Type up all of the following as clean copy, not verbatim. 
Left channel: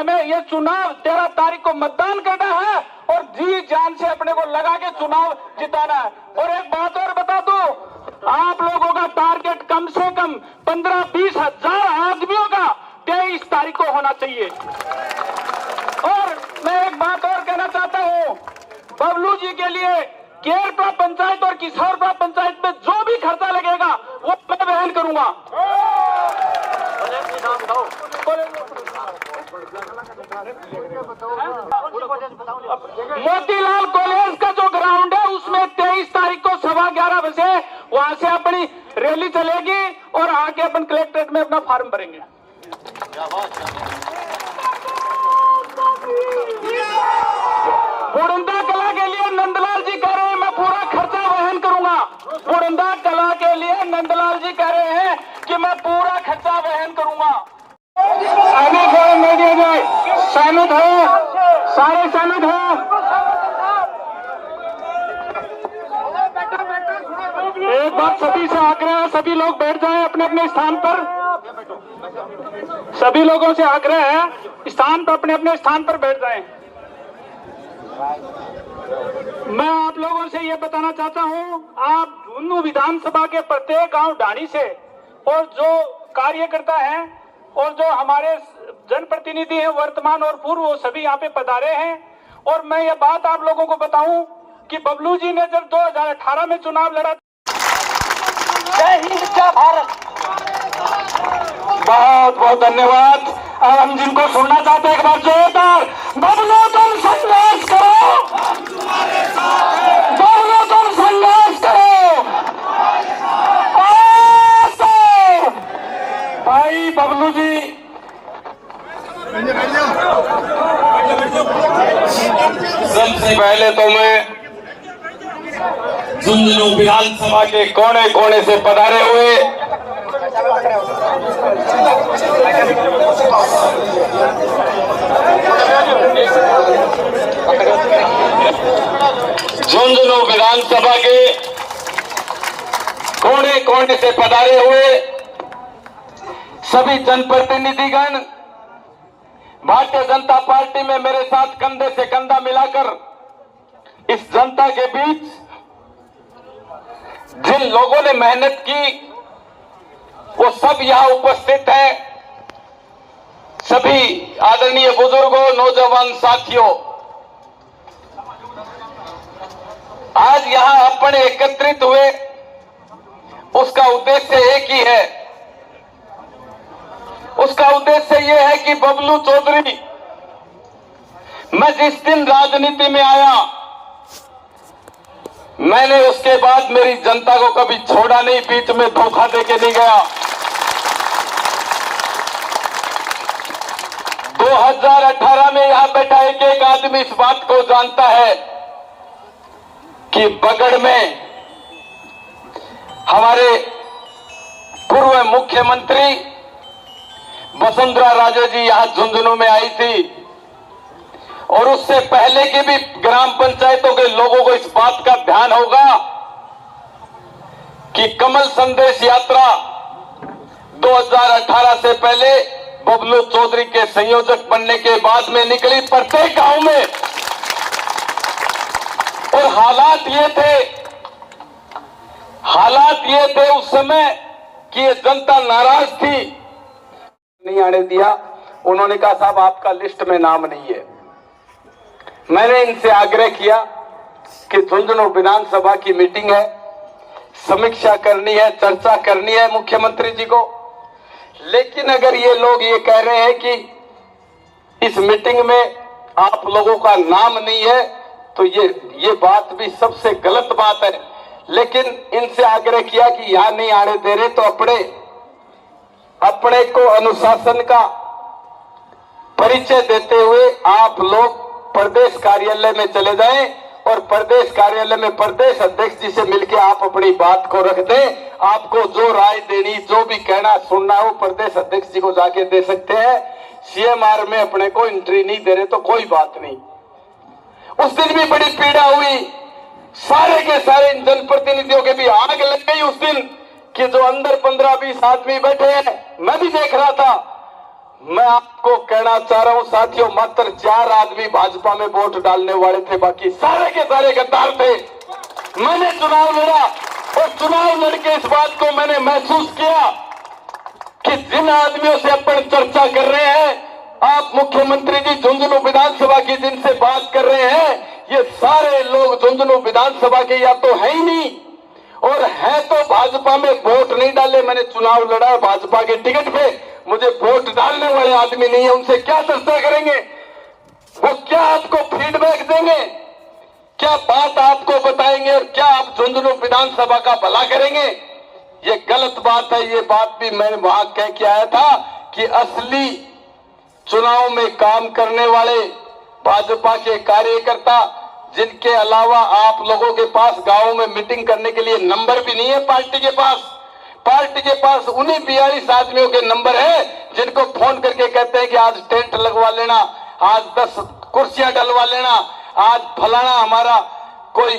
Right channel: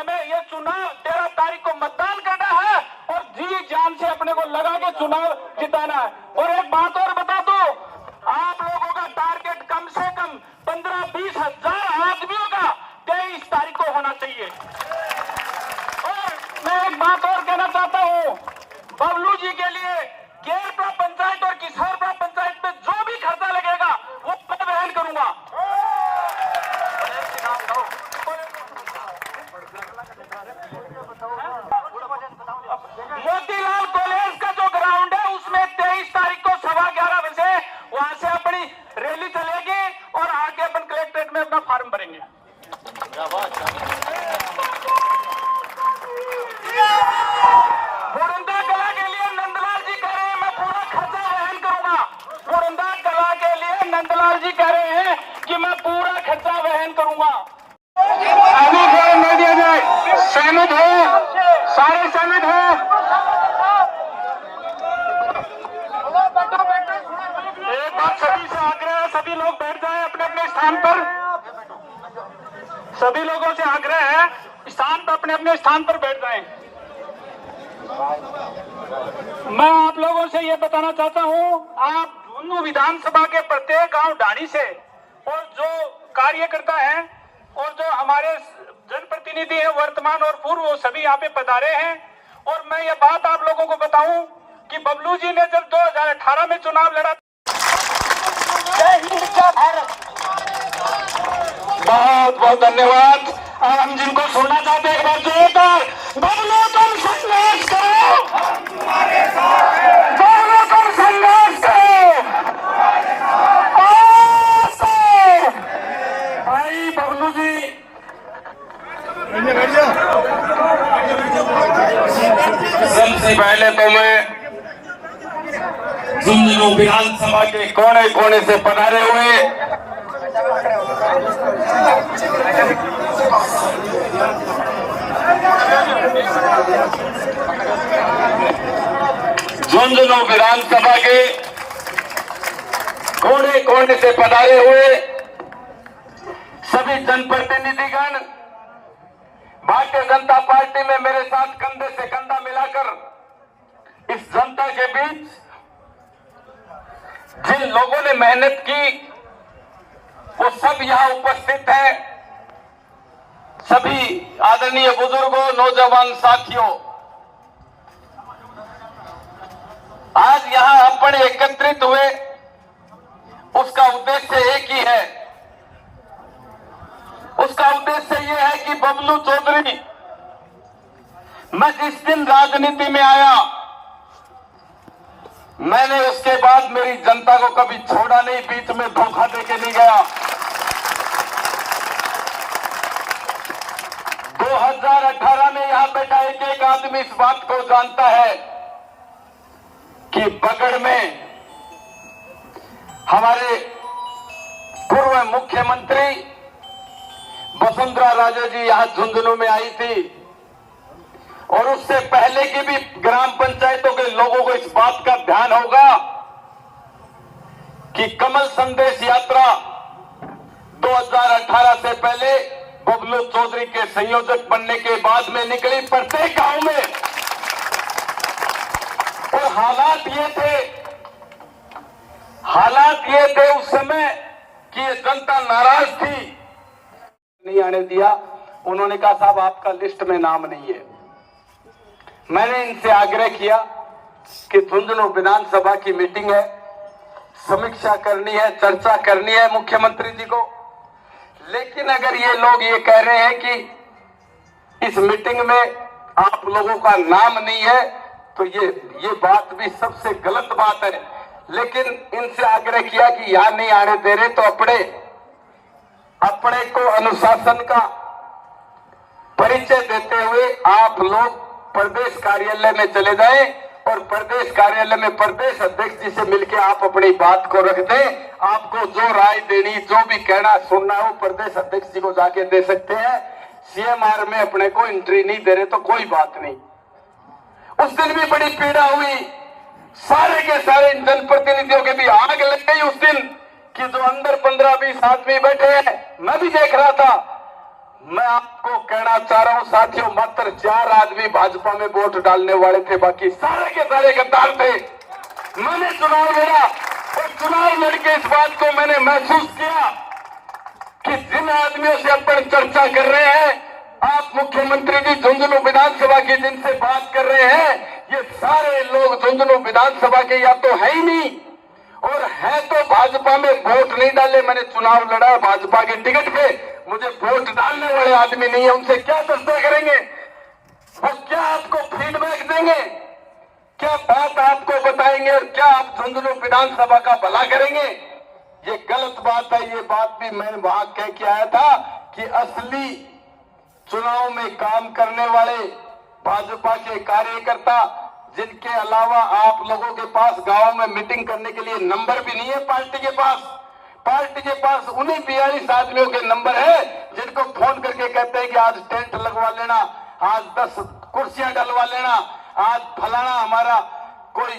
हमें ये चुनाव 13 तारीख को मतदान करना है और जी जान से अपने को लगा के चुनाव जिताना है। और एक बात और बता दूं, आप लोगों का टारगेट कम से कम 15-20 हजार आदमियों का 23 तारीख को होना चाहिए। और मैं एक बात और कहना चाहता हूँ, बबलू जी के लिए केरपड़ा पंचायत और किशोरपड़ा पंचायत में जो भी खर्चा लगेगा वो मैं वहन करूंगा। मोतीलाल कॉलेज का जो ग्राउंड है उसमें 23 तारीख को 11:15 बजे वहां से अपनी रैली चलेगी और आके अपन कलेक्ट्रेट में अपना फॉर्म भरेंगे। बुरंदा कला के लिए नंदलाल जी कह रहे हैं मैं पूरा खर्चा वहन करूंगा। बुरंदा कला के लिए नंदलाल जी कह रहे हैं कि मैं पूरा खर्चा वहन करूंगा। सहमत हो? सारे सहमत हो? एक बात सभी से आग्रह है, सभी लोग बैठ जाएं अपने अपने स्थान पर। सभी लोगों से आग्रह है स्थान पर अपने अपने स्थान पर बैठ जाएं। मैं आप लोगों से यह बताना चाहता हूं, आप झुंझुनू विधानसभा के प्रत्येक गांव ढाणी से और जो कार्यकर्ता हैं और जो हमारे जनप्रतिनिधि हैं वर्तमान और पूर्व, वो सभी यहाँ पे पधारे हैं। और मैं ये बात आप लोगों को बताऊं कि बबलू जी ने जब 2018 में चुनाव लड़ा, बहुत बहुत धन्यवाद। अब हम जिनको सुनना चाहते हैं एक बार जोरदार, बबलू तुम संघर्ष करो, बबलू तुम संघर्ष करो। भाई बबलू जी सबसे पहले तो मैं झुंझुनू विधानसभा के कोने कोने से पधारे हुए झुंझुनू विधानसभा के कोने कोने से पधारे हुए सभी जनप्रतिनिधिगण, भारतीय जनता पार्टी में मेरे साथ कंधे से कंधा मिलाकर इस जनता के बीच जिन लोगों ने मेहनत की वो सब यहां उपस्थित हैं। सभी आदरणीय बुजुर्गों, नौजवान साथियों, आज यहां अपन एकत्रित हुए उसका उद्देश्य एक ही है। उसका उद्देश्य यह है कि बबलू चौधरी, मैं जिस दिन राजनीति में आया मैंने उसके बाद मेरी जनता को कभी छोड़ा नहीं, बीच में धोखा देके नहीं गया। 2018 में यहां बैठा एक आदमी इस बात को जानता है कि बगड़ में हमारे पूर्व मुख्यमंत्री वसुंधरा राजे जी यहां झुंझुनू में आई थी और उससे पहले की भी ग्राम पंचायतों के लोगों को इस बात का ध्यान होगा कि कमल संदेश यात्रा 2018 से पहले बबलू चौधरी के संयोजक बनने के बाद में निकली प्रत्येक गांव में। और हालात ये थे उस समय कि ये जनता नाराज थी, नहीं आने दिया। उन्होंने कहा साहब आपका लिस्ट में नाम नहीं है। मैंने इनसे आग्रह किया कि झुंझुनू विधानसभा की मीटिंग है, समीक्षा करनी है, चर्चा करनी है मुख्यमंत्री जी को। लेकिन अगर ये लोग ये कह रहे हैं कि इस मीटिंग में आप लोगों का नाम नहीं है तो ये बात भी सबसे गलत बात है। लेकिन इनसे आग्रह किया कि यहां नहीं आने दे रहे तो अपने को अनुशासन का परिचय देते हुए आप लोग प्रदेश कार्यालय में चले जाएं और प्रदेश कार्यालय में प्रदेश अध्यक्ष जी से मिलकर आप अपनी बात को रख दें। आपको जो राय देनी, जो भी कहना सुनना हो प्रदेश अध्यक्ष जी को जाके दे सकते हैं। सीएमआर में अपने को एंट्री नहीं दे रहे तो कोई बात नहीं। उस दिन भी बड़ी पीड़ा हुई, सारे के सारे जनप्रतिनिधियों के भी आग लग गई उस दिन कि जो अंदर 15-20 आदमी बैठे हैं। मैं भी देख रहा था, मैं आपको कहना चाह रहा हूं साथियों, मात्र 4 आदमी भाजपा में वोट डालने वाले थे, बाकी सारे के सारे गद्दार थे। मैंने चुनाव लड़ा और चुनाव लड़के इस बात को मैंने महसूस किया कि जिन आदमियों से अपन चर्चा कर रहे हैं, आप मुख्यमंत्री जी झुंझुनू विधानसभा की जिनसे बात कर रहे हैं, ये सारे लोग झुंझुनू विधानसभा के या तो है ही नहीं और है तो भाजपा में वोट नहीं डाले। मैंने चुनाव लड़ा भाजपा के टिकट पे, मुझे वोट डालने वाले आदमी नहीं है। उनसे क्या चर्चा करेंगे? वो क्या आपको फीडबैक देंगे? क्या बात आपको बताएंगे और क्या आप झुंझुनू विधानसभा का भला करेंगे? ये गलत बात है। ये बात भी मैं वहां कह के आया था कि असली चुनाव में काम करने वाले भाजपा के कार्यकर्ता, जिनके अलावा आप लोगों के पास गांव में मीटिंग करने के लिए नंबर भी नहीं है पार्टी के पास उन्हीं 42 आदमियों के नंबर है जिनको फोन करके कहते हैं कि आज टेंट लगवा लेना, आज 10 कुर्सियां डलवा लेना, आज फलाना हमारा कोई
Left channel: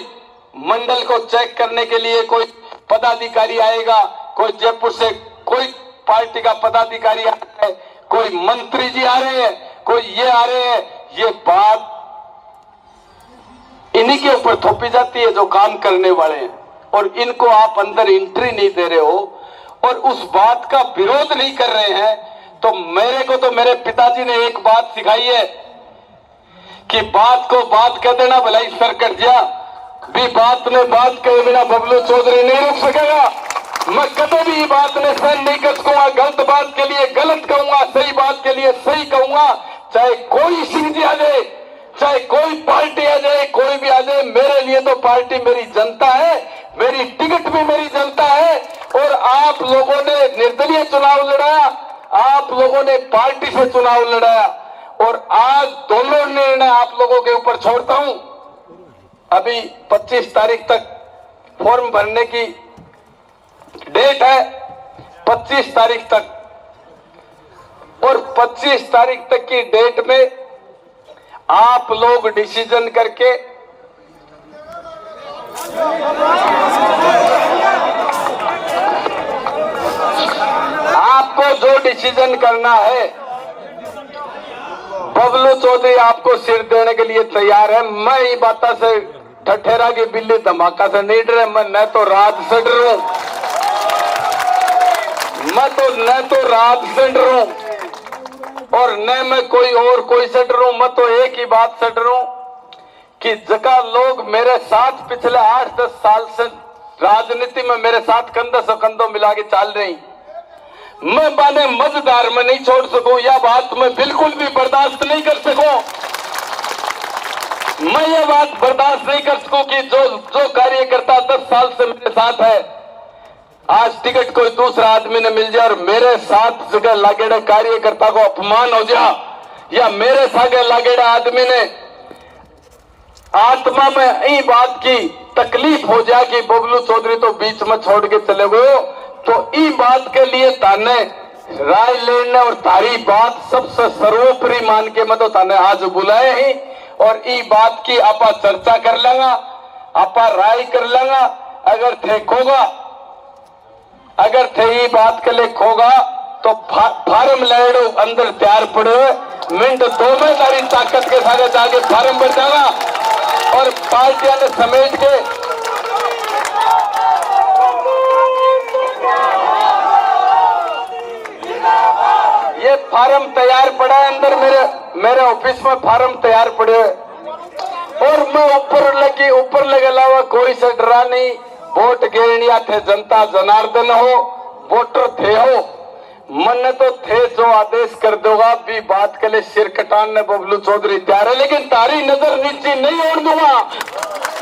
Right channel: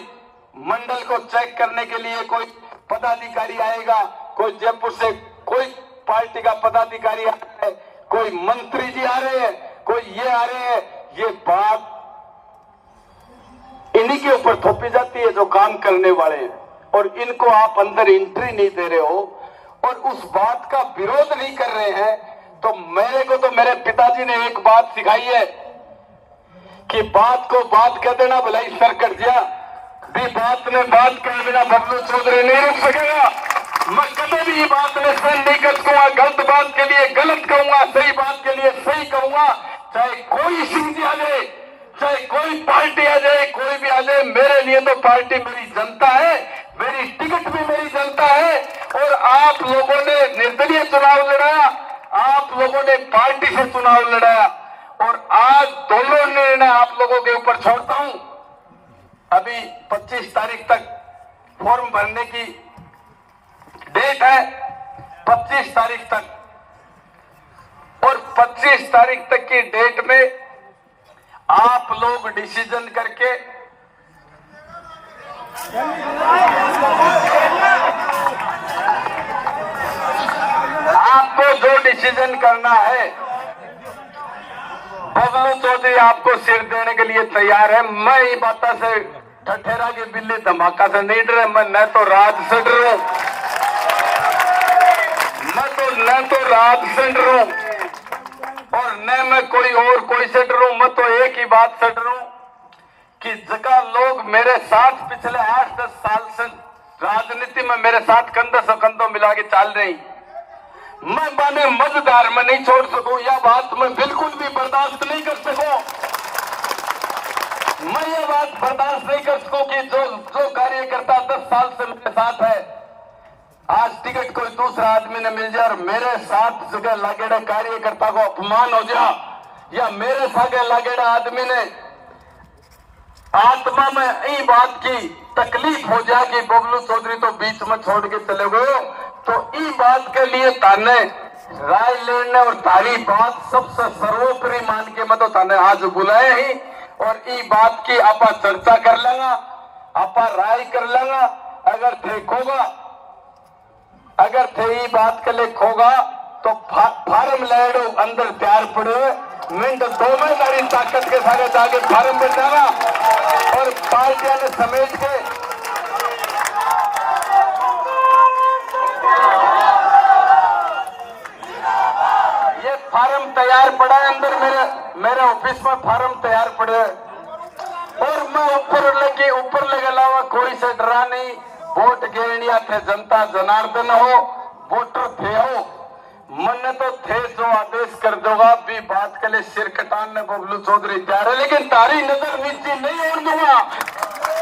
मंडल को चेक करने के लिए कोई पदाधिकारी आएगा, कोई जयपुर से कोई पार्टी का पदाधिकारी आ रहा है, कोई मंत्री जी आ रहे हैं, कोई ये आ रहे हैं। ये बात इन्हीं के ऊपर थोपी जाती है जो काम करने वाले हैं, और इनको आप अंदर एंट्री नहीं दे रहे हो और उस बात का विरोध नहीं कर रहे हैं। तो मेरे को तो मेरे पिताजी ने एक बात सिखाई है कि बात को बात कह देना, भलाई सर कट गया भी बात में बात कहे बिना बबलू चौधरी नहीं रुक सकेगा। मैं कभी भी बात में सर नहीं कर सकूंगा। गलत बात के लिए गलत कहूंगा, सही बात के लिए सही कहूंगा। चाहे कोई सिंह जी आ जाए, चाहे कोई पार्टी आ जाए, कोई भी आ जाए, मेरे लिए तो पार्टी मेरी जनता है, मेरी टिकट भी मेरी जनता है। और आप लोगों ने निर्दलीय चुनाव लड़ा, आप लोगों ने पार्टी से चुनाव लड़ा, और आज दोनों निर्णय आप लोगों के ऊपर छोड़ता हूं। अभी 25 तारीख तक फॉर्म भरने की डेट है, 25 तारीख तक, और 25 तारीख तक की डेट में आप लोग डिसीजन करके आपको जो डिसीजन करना है, बबलू चौधरी आपको सिर देने के लिए तैयार है। मैं ये बात से ठठेरा की बिल्ली धमाका से नहीं डरे। मैं न तो राज से डर रहा हूं, न तो राज से डर रहा हूं और न मैं कोई से डर रहा हूं। मैं तो एक ही बात से डर रहा हूं कि जगह लोग मेरे साथ पिछले 8-10 साल से राजनीति में मेरे साथ कंधे से कंधों मिला के चल रही, मैं बाने मझधार में नहीं छोड़ सकूं। यह बात मैं बिल्कुल भी बर्दाश्त नहीं कर सकूं। मैं ये बात बर्दाश्त नहीं कर सकूं कि जो कार्यकर्ता 10 साल से मेरे साथ है, आज टिकट कोई दूसरा आदमी ने मिल जाए और मेरे साथ जगह लागेड़े कार्यकर्ता को अपमान हो जाए, या मेरे साथ लागेड़ा आदमी ने आत्मा में यही बात की तकलीफ हो जाए कि बबलू चौधरी तो बीच में छोड़ के चले गए, तो ई बात के लिए ताने राय लेने और तारी बात सबसे सर्वोपरि मान के मैं तो ताने आज बुलाए ही, और ई बात की आपा चर्चा कर लेंगा, आपा राय कर लेंगा। अगर थे खोगा, अगर थे ई बात के लिए खोगा तो फार्म लेड़ो अंदर तैयार पड़े, मिनट 2 में तारी ताकत के साथ जाके फार्म भर जाएगा और पार्टियां ने समेट के ये फार्म तैयार पड़ा है अंदर, मेरे ऑफिस में फार्म तैयार पड़े है, और मैं ऊपर लगे अलावा कोई से डरा नहीं। वोट गेड़िया थे जनता जनार्दन हो, वोटर थे हो, मन तो थे जो आदेश कर दोगा भी बात के लिए सिर कटाने बबलू चौधरी तैयार है, लेकिन तारी नजर नीचे नहीं ओढ़ दूंगा।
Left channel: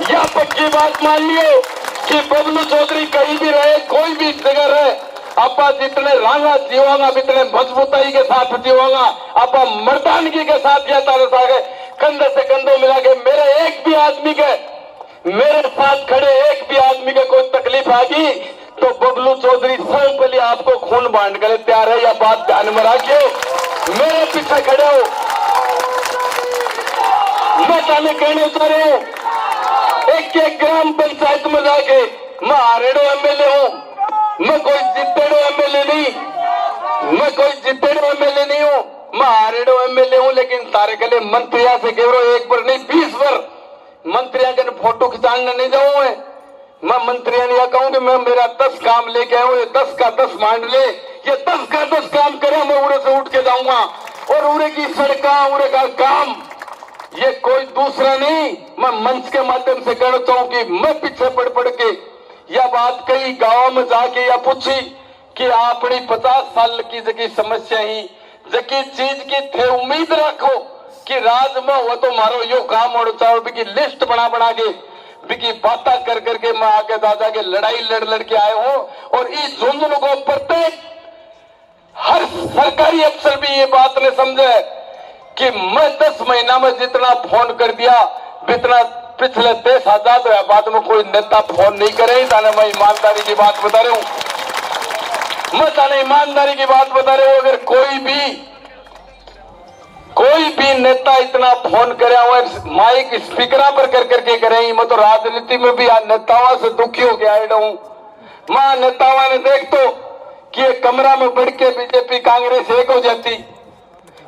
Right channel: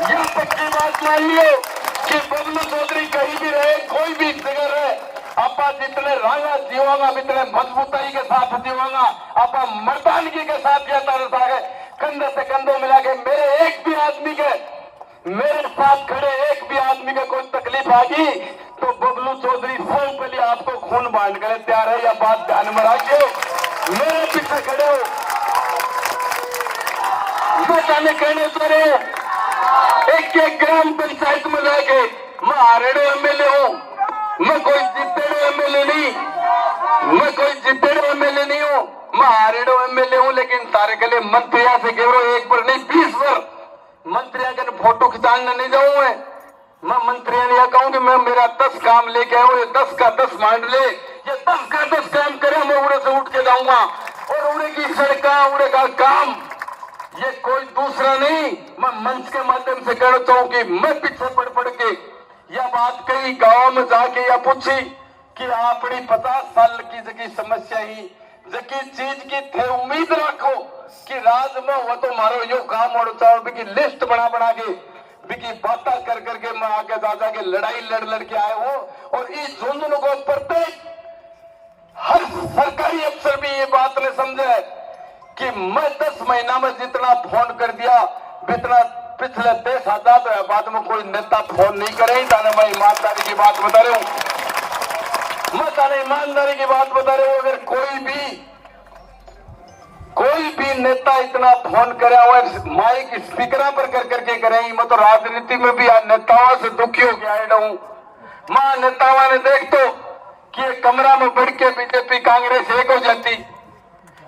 यह पक्की बात मान लियो कि बबलू चौधरी कहीं भी रहे, कोई भी जगह रहे, आपा जितने रांगा जीवांगा जितने मजबूताई के साथ जीवांगा, आपा मर्दानगी के साथ यह तारे सागे कंधे से कंधे मिला के मेरे एक भी आदमी के, मेरे साथ खड़े एक भी आदमी के कोई तकलीफ आ गई तो बबलू चौधरी सब पहले आपको खून बांट कर तैयार है। यह बात ध्यान में रखियो, मेरे पीछे खड़े हो। मैं कहने चाह रहा हूं, एक ग्राम पंचायत में जाके मैं हारेड़े एमएलए हूं, मैं कोई जीतेड़े एमएलए नहीं। मैं कोई जितेड़ो एमएलए नहीं हूँ, मैं हारेड़ो एमएलए हूँ, लेकिन तारे के लिए मंत्रिया से केवल एक बार नहीं 20 बार मंत्रिया के फोटो खिंचाने नहीं जाऊँ मैं मंत्रिया नहीं कहूंगी मैं मेरा 10 काम लेके आऊँ, ये 10 का 10 मान ले, ये 10 का 10 काम करे, मैं उड़े से उठ के जाऊंगा और उड़े की सड़का उड़े का काम ये कोई दूसरा नहीं। मैं मंच के माध्यम से कहना चाहूँ कि मैं पीछे पड़ के यह बात कही गांव में जाके या पूछी कि अपनी 50 साल की जगी समस्या ही जकी चीज की थे उम्मीद रखो कि राज में हो तो मारो यो काम होना चाहिए कि लिस्ट बना के बिकी बातें कर करके मैं आगे दादा के लड़ाई लड़ के आए हूं। और इस झुंझुनू को प्रत्येक हर सरकारी अफसर भी ये बात ने समझे कि मैं 10 महीना में जितना फोन कर दिया जितना पिछले 10 आजाद हुआ बाद में कोई नेता फोन नहीं करे। ताने मैं ईमानदारी की बात बता रहा हूं, मैं ताने ईमानदारी की बात बता रहा हूं। अगर कोई भी नेता इतना फोन करे और माइक स्पीकर पर कर करके करे, मैं तो राजनीति में भी आज नेताओं से दुखी हो गया हूं। मैं नेताओं ने देख तो कि ये कमरा में बढ़ के बीजेपी कांग्रेस एक हो जाती,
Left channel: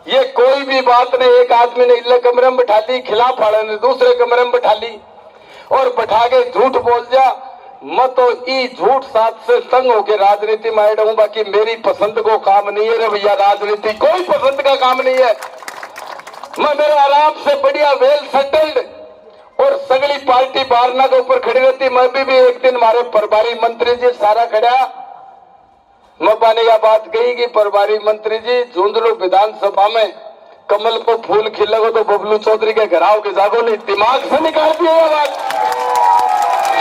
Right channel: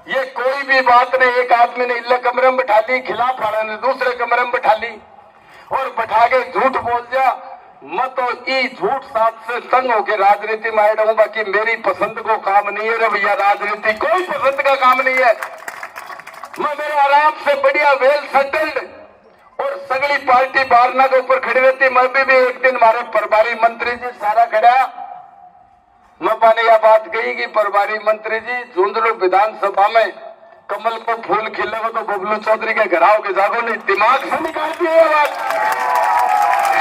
ये कोई भी बात नहीं। एक आदमी ने इल्ले कमरे में बैठा ली, खिलाफ वाले ने दूसरे कमरे में बैठा ली और बैठा के झूठ बोल दिया। मैं तो ई झूठ साथ से संग होकर राजनीति में आया हूं, बाकी मेरी पसंद को काम नहीं है रे भैया, राजनीति कोई पसंद का काम नहीं है। मैं मेरे आराम से बढ़िया वेल सेटल्ड और सगली पार्टी बारना के ऊपर खड़ी रहती। मैं भी एक दिन हमारे प्रभारी मंत्री जी सारा खड़ा मैं पाने का बात कही कि प्रभारी मंत्री जी झुंझुनू विधानसभा में कमल को फूल खिलेगा तो बबलू चौधरी के घर आओगे जागो नहीं, दिमाग से निकाल दिया बात।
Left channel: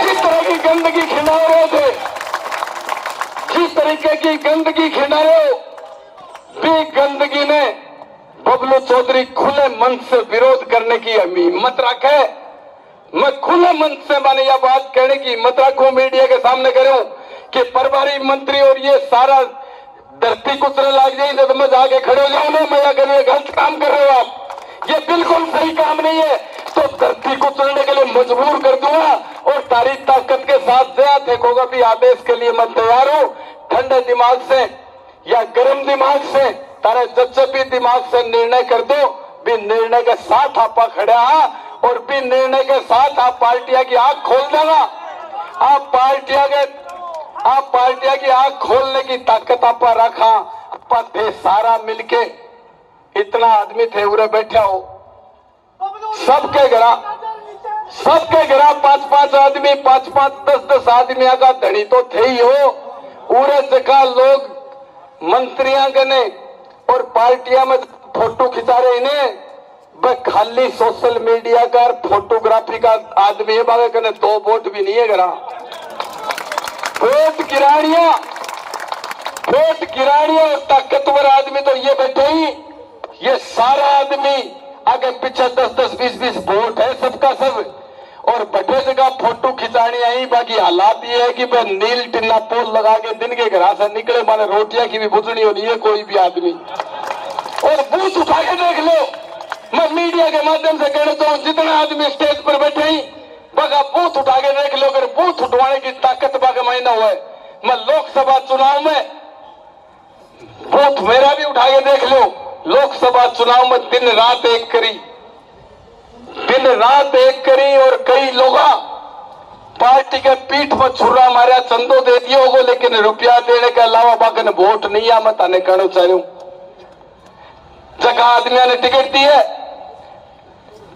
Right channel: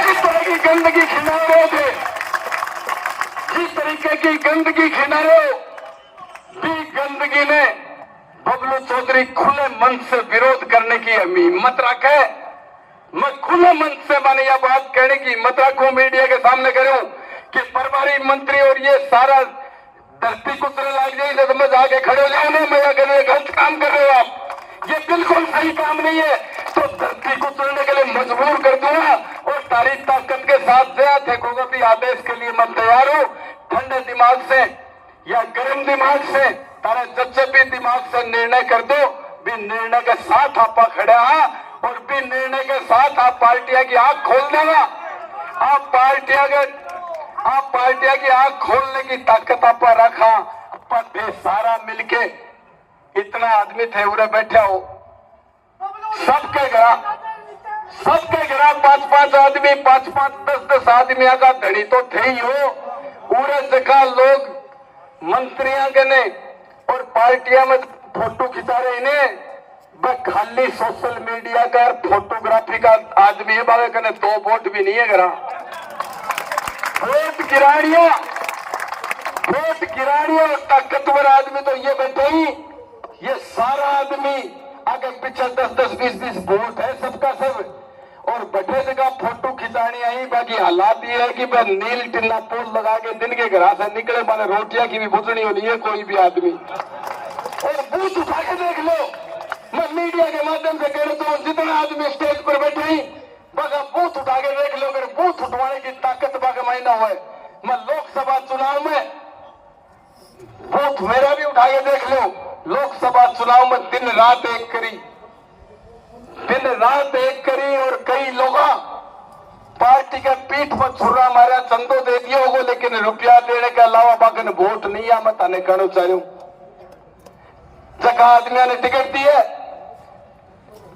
जिस तरह की गंदगी खिला रहे थे, जिस तरीके की गंदगी खिला रहे भी गंदगी में बबलू चौधरी खुले मन से विरोध करने की हिम्मत रखे। मैं खुले मन से मैंने यह बात कहने की हिम्मत रखूं, मीडिया के सामने करूं कि प्रभारी मंत्री और ये सारा धरती कुचले लग जाए जब मैं जाके खड़े हो जाने मैं करिए गलत काम कर रहे हो आप, ये बिल्कुल सही काम नहीं है। तो धरती को चलने के लिए मजबूर कर दूंगा और तारीख ताकत के साथ देखोगा भी आदेश के लिए मैं तैयार हूं। ठंडे दिमाग से या गर्म दिमाग से तारा जच्चे भी दिमाग से निर्णय कर दो, भी निर्णय के साथ आपा खड़ा है और भी निर्णय के साथ आप पार्टियां की आंख खोल देगा। आप पार्टियां की आंख खोलने की ताकत आपा रखा, आपा थे सारा मिलके इतना आदमी थे उरे बैठे हो, सबके घर 5-5 आदमी 5-5 10-10 आदमी का धनी तो थे ही हो। पूरे जगह लोग मंत्रियों के ने और पार्टियां में फोटो खिंचा रहे इन्हें खाली सोशल मीडिया का फोटोग्राफी का आदमी है बाबा कने 2 वोट भी नहीं है घरा। वोट गिराड़िया और ताकतवर आदमी तो ये बैठे ही, ये सारा आदमी आगे पीछे 10-10 20-20 वोट है सबका सब और बड़े जगह फोटो खिंचानी आई। बाकी हालात ये है कि नील टिन्ना पोल लगा के दिन के घर से निकले माने रोटियां की भी बुझनी होनी है कोई भी आदमी। और बूथ उठा के देख लो, मैं मीडिया के माध्यम से कहना चाहूँ जितने आदमी स्टेज पर बैठे ही बगा बूथ उठा के देख लो। अगर बूथ उठवाने की ताकत बागा महीना हुआ है, मैं लोकसभा चुनाव में बूथ मेरा भी उठा के देख लो। लोकसभा चुनाव में दिन रात एक करी और कई लोग पार्टी के पीठ पर छुरा मारा चंदो दे दियो होगो, लेकिन रुपया देने के अलावा बाकी ने वोट नहीं आ। मैं ताने कहना चाह रहा हूं जगह आदमियों ने टिकट दी है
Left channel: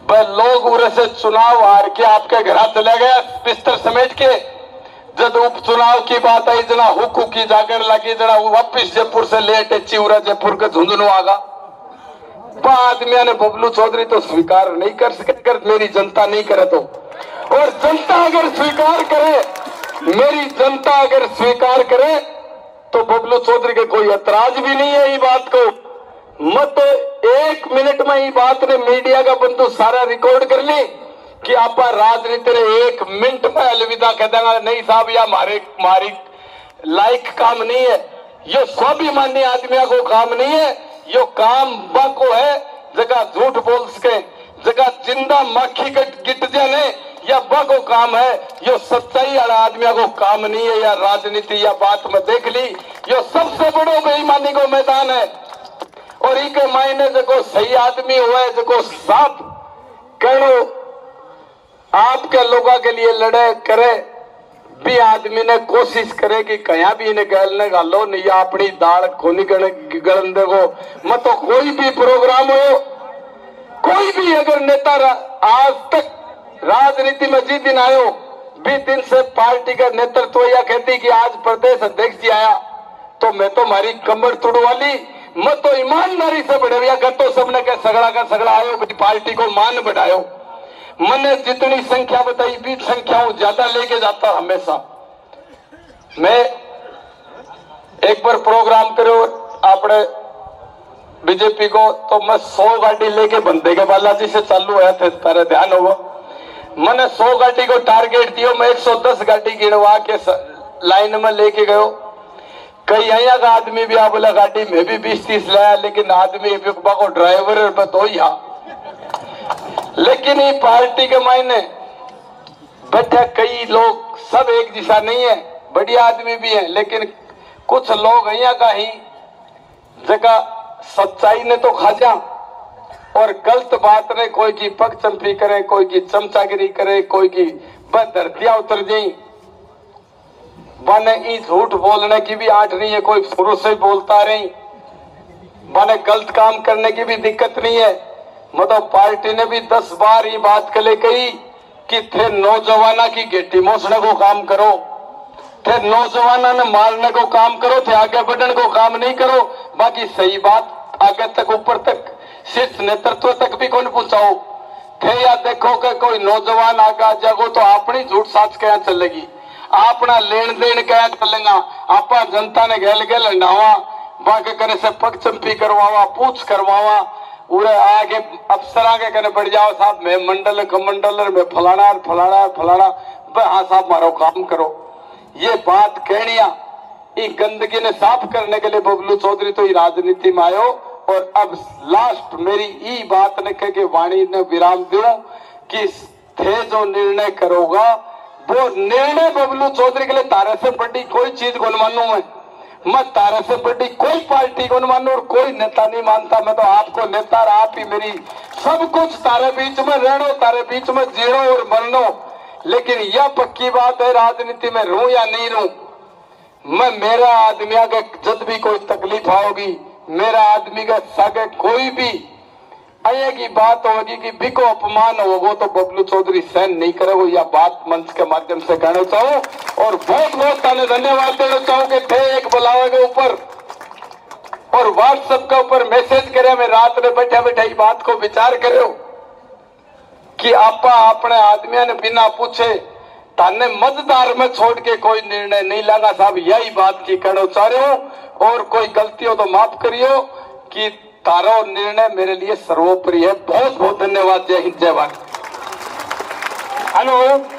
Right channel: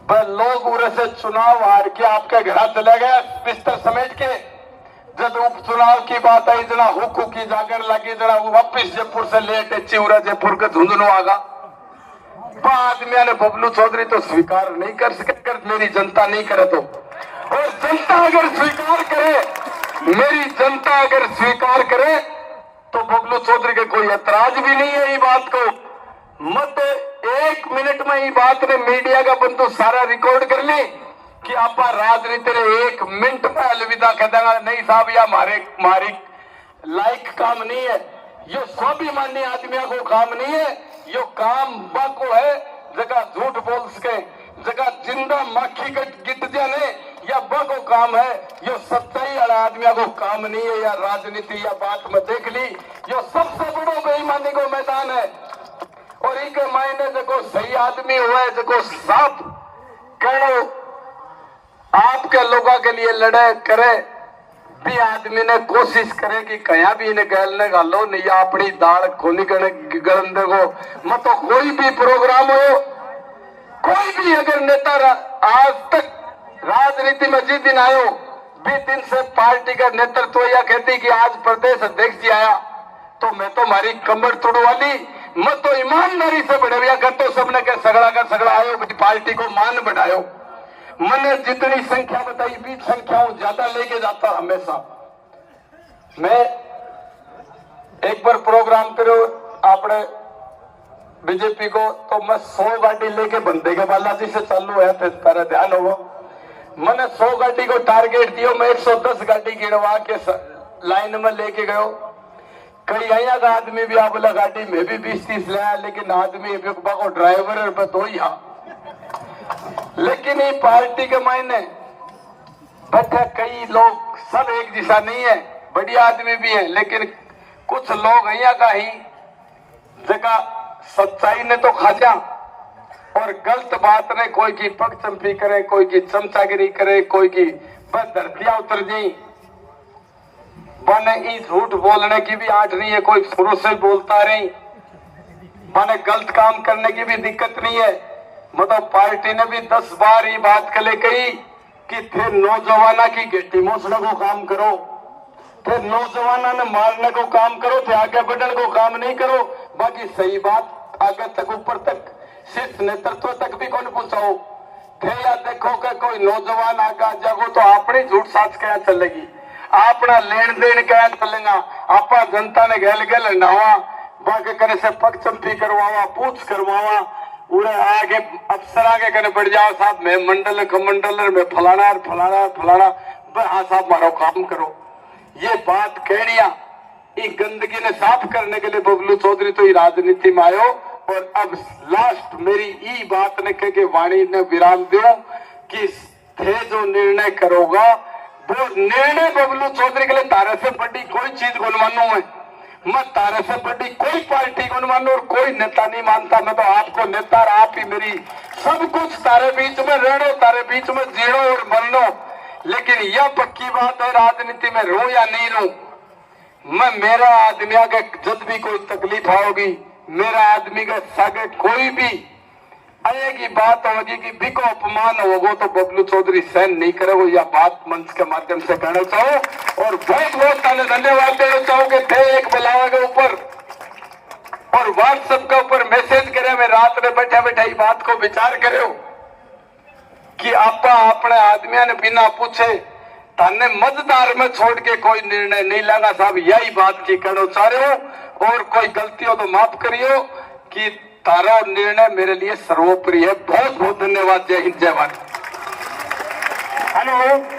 लोग उरे से चुनाव हार के आपके घर चला गया बिस्तर समेट के। जब उपचुनाव की बात आई जना हुक की जागर लगी जना वापिस जयपुर से लेट चिवरा जयपुर के झुंझुनू आगा आदमियों ने बबलू चौधरी तो स्वीकार नहीं कर सके अगर मेरी जनता नहीं करे तो। और जनता अगर स्वीकार करे, मेरी जनता अगर स्वीकार करे तो बबलू चौधरी के कोई ऐतराज भी नहीं है। ये बात को मत 1 मिनट में ये बात ने मीडिया का बंधु सारा रिकॉर्ड कर ले कि आप राजनीति ने 1 मिनट में अलविदा कह देगा नहीं साहब या हमारे लायक काम नहीं है, ये स्वाभिमानी आदमियों को काम नहीं है, यो काम बाको है जगह झूठ बोल सके जगह जिंदा माखी गिट जाने या बगो काम है, यो सच्चाई वाला आदमी को काम नहीं है, या राजनीति या बात में देख ली, यो सबसे बड़ो बेईमानी को मैदान है। और इके मायने जो सही आदमी हुआ है, जो साफ कहो आपके लोगों के लिए लड़े करे भी आदमी ने कोशिश करे कि कया भी इन्हें गलने गालो नहीं, या अपनी दाल खोनी गलन देखो मत। तो कोई भी प्रोग्राम हो, कोई भी अगर नेता आज तक राजनीति में जिस दिन आयो 20 दिन से पार्टी का नेतृत्व या कहती कि आज प्रदेश अध्यक्ष जी आया तो मैं तो हमारी कमर तोड़वाली, मैं तो ईमानदारी से बढ़िया कर तो सबने क्या सगड़ा का सगड़ा आयो, पार्टी को मान बढ़ायो। मैंने जितनी संख्या बताई 20 संख्याओं ज्यादा लेके जाता हमेशा। मैं एक बार प्रोग्राम करो आपने बीजेपी को तो मैं 100 गाड़ी लेके बंदे के बालाजी से चालू होया थे, तारे ध्यान होगा। मैंने 100 गाड़ी को टारगेट दियो, मैं 110 गाड़ी गिनवा के लाइन में लेके गयो। कई यहाँ का आदमी भी आ बोला गाड़ी में भी 20-30 लाया, लेकिन आदमी को ड्राइवर पे दो ही। लेकिन ये पार्टी के मायने बैठा कई लोग सब एक दिशा नहीं है, बढ़िया आदमी भी है, लेकिन कुछ लोग यहाँ का ही जगह सच्चाई ने तो खाजा और गलत बात ने कोई की पग चंपी करे, कोई की चमचागिरी करे, कोई की बस धरतियां उतर जाई। बने ई झूठ बोलने की भी आठ नहीं है, कोई शुरू से बोलता रही। बने गलत काम करने की भी दिक्कत नहीं है। मतलब पार्टी ने भी 10 बार ये बात कले कही कि थे नौजवाना की गेटी मोसने को काम करो, थे नौजवाना ने मारने को काम करो, थे आगे बढ़ने को काम नहीं करो। बाकी सही बात आगे तक ऊपर तक शीर्ष नेतृत्व तक भी कौन पूछाओ थे, या देखो कि कोई नौजवान आगे जागो तो अपनी झूठ साच क्या चलेगी, अपना लेन देन क्या चलेगा, आपा जनता ने गैल गैल हंडावा बाकी करे से पग चंपी करवावा, पूछ करवावा, उड़े आगे अफसर आगे करे बढ़ जाओ साहब मैं मंडल कमंडल में फलाना फलाना फलाना, हाँ साहब मारो काम करो। ये बात कहनिया ये गंदगी ने साफ करने के लिए बबलू चौधरी तो राजनीति में आयो। और अब लास्ट मेरी ये बात ने कह के वाणी ने विराम दो कि थे जो निर्णय करोगा वो निर्णय बबलू चौधरी के लिए तारे से बड़ी कोई चीज को मानू है, मैं तारे से बड़ी कोई पार्टी को मानू और कोई नेता नहीं मानता। मैं तो आपको नेता और आप ही मेरी सब कुछ तारे बीच में रहना, तारे बीच में जीणो और बननो। लेकिन यह पक्की बात है राजनीति में रहूं या नहीं रहूं, मैं मेरा आदमी के जब भी कोई तकलीफ आओगी, मेरा आदमी का सागे कोई भी आएगी बात होगी कि बिको अपमान होगा तो बबलू चौधरी सहन नहीं करे। वो यह बात मंच के माध्यम से कहना चाहूं और बहुत बहुत धन्यवाद देना चाहूं कि थे एक बुलावे के ऊपर और व्हाट्सएप के ऊपर मैसेज करे, मैं रात में बैठे बैठे बात को विचार करे कि आपा अपने आदमियों ने बिना पूछे थाने मतदार में छोड़ के कोई निर्णय नहीं लेना। साहब यही बात की कहना चाह रहे हो और कोई गलती हो तो माफ करियो कि तारा निर्णय मेरे लिए सर्वोपरि है। बहुत बहुत धन्यवाद। जय हिंद, जय भारत। हेलो।